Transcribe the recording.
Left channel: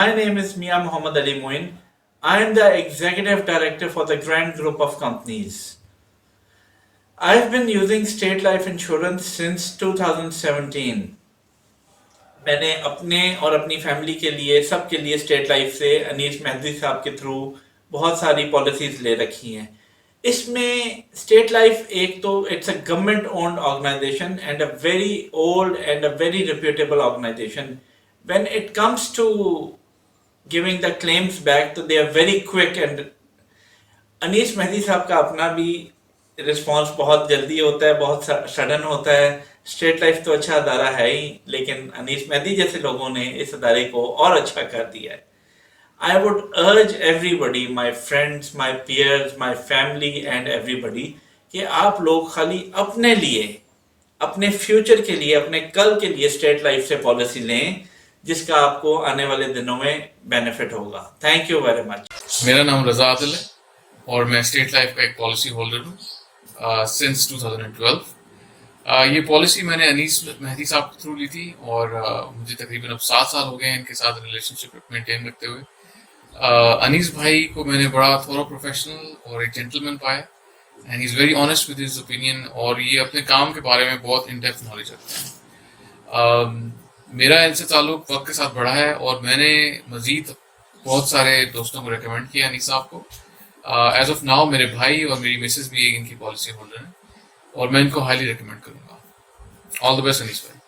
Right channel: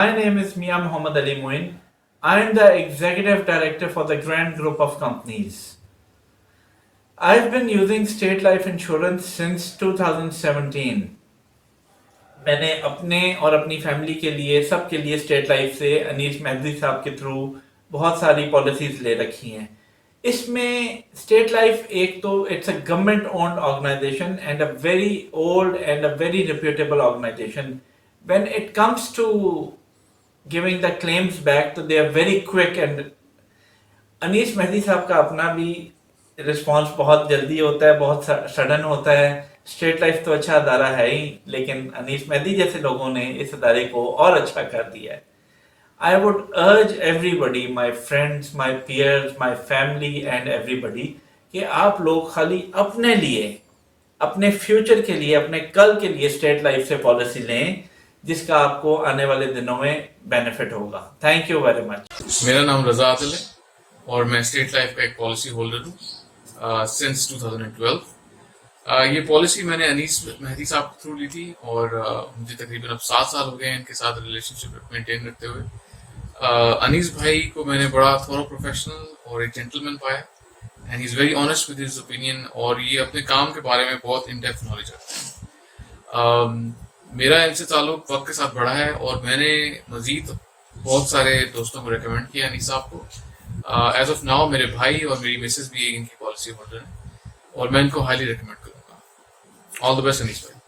My name is Mia Muhammad Ali Moin. I am the executive director for the Grand Group of Companies. I've been using state life insurance since 2017. मैंने अपने और अपनी family के लिए सबके लिए state life से अनीस मेहदी साहब के थ्रू बहुत सारी पॉलिसीज ले रखी हैं. इसमें स्टेट लाइफ एक तो it's a government owned organisation and a very old and a very reputable organisation. When it comes to giving the claims back, तो they are very quick and Anees Mehdi साहब का अपना भी रिस्पांस बहुत जल्दी होता है, बहुत सडन होता है. स्टेट लाइफ तो अच्छा अदारा है ही, लेकिन अनीस मेहदी जैसे लोगों ने इस अदारे को और अच्छा कर दिया है. I would urge everybody, my friends, my peers, my family and everybody, कि आप लोग खाली अपने लिए, अपने फ्यूचर के लिए, अपने कल के लिए स्टेट लाइफ से पॉलिसी लें, जिसका आपको आने वाले दिनों में बेनिफिट होगा. Thank you very much. मेरा नाम रजा आदिल है और मैं स्टेट लाइफ का एक पॉलिसी होल्डर हूँ सिंस 2012. ये पॉलिसी मैंने अनीस मेहदी साहब के थ्रू ली थी और मुझे तकरीबन अब 7 साल हो गए हैं इनके साथ रिलेशनशिप मेंटेन रखते हुए. अनीस भाई को मैंने बड़ा थोड़ा प्रोफेशनल और एक जेंटलमैन पाया and he is very honest with his opinion और ये अपने काम के बारे में बहुत इन डेप्थ नॉलेज रखते हैं. मेरा इनसे ताल्लुक वक्त के साथ बढ़ा है और मैंने मजीद बहुत सारे दोस्तों को रिकमेंड किया अनीस साहब को. एज ऑफ नाउ मेरे भाई और मेरी मिसेस भी इनकी पॉलिसी होल्डर हैं और मैं इनको हाईली रिकमेंड करूँगा. ऑल द बेस्ट अनीस भाई.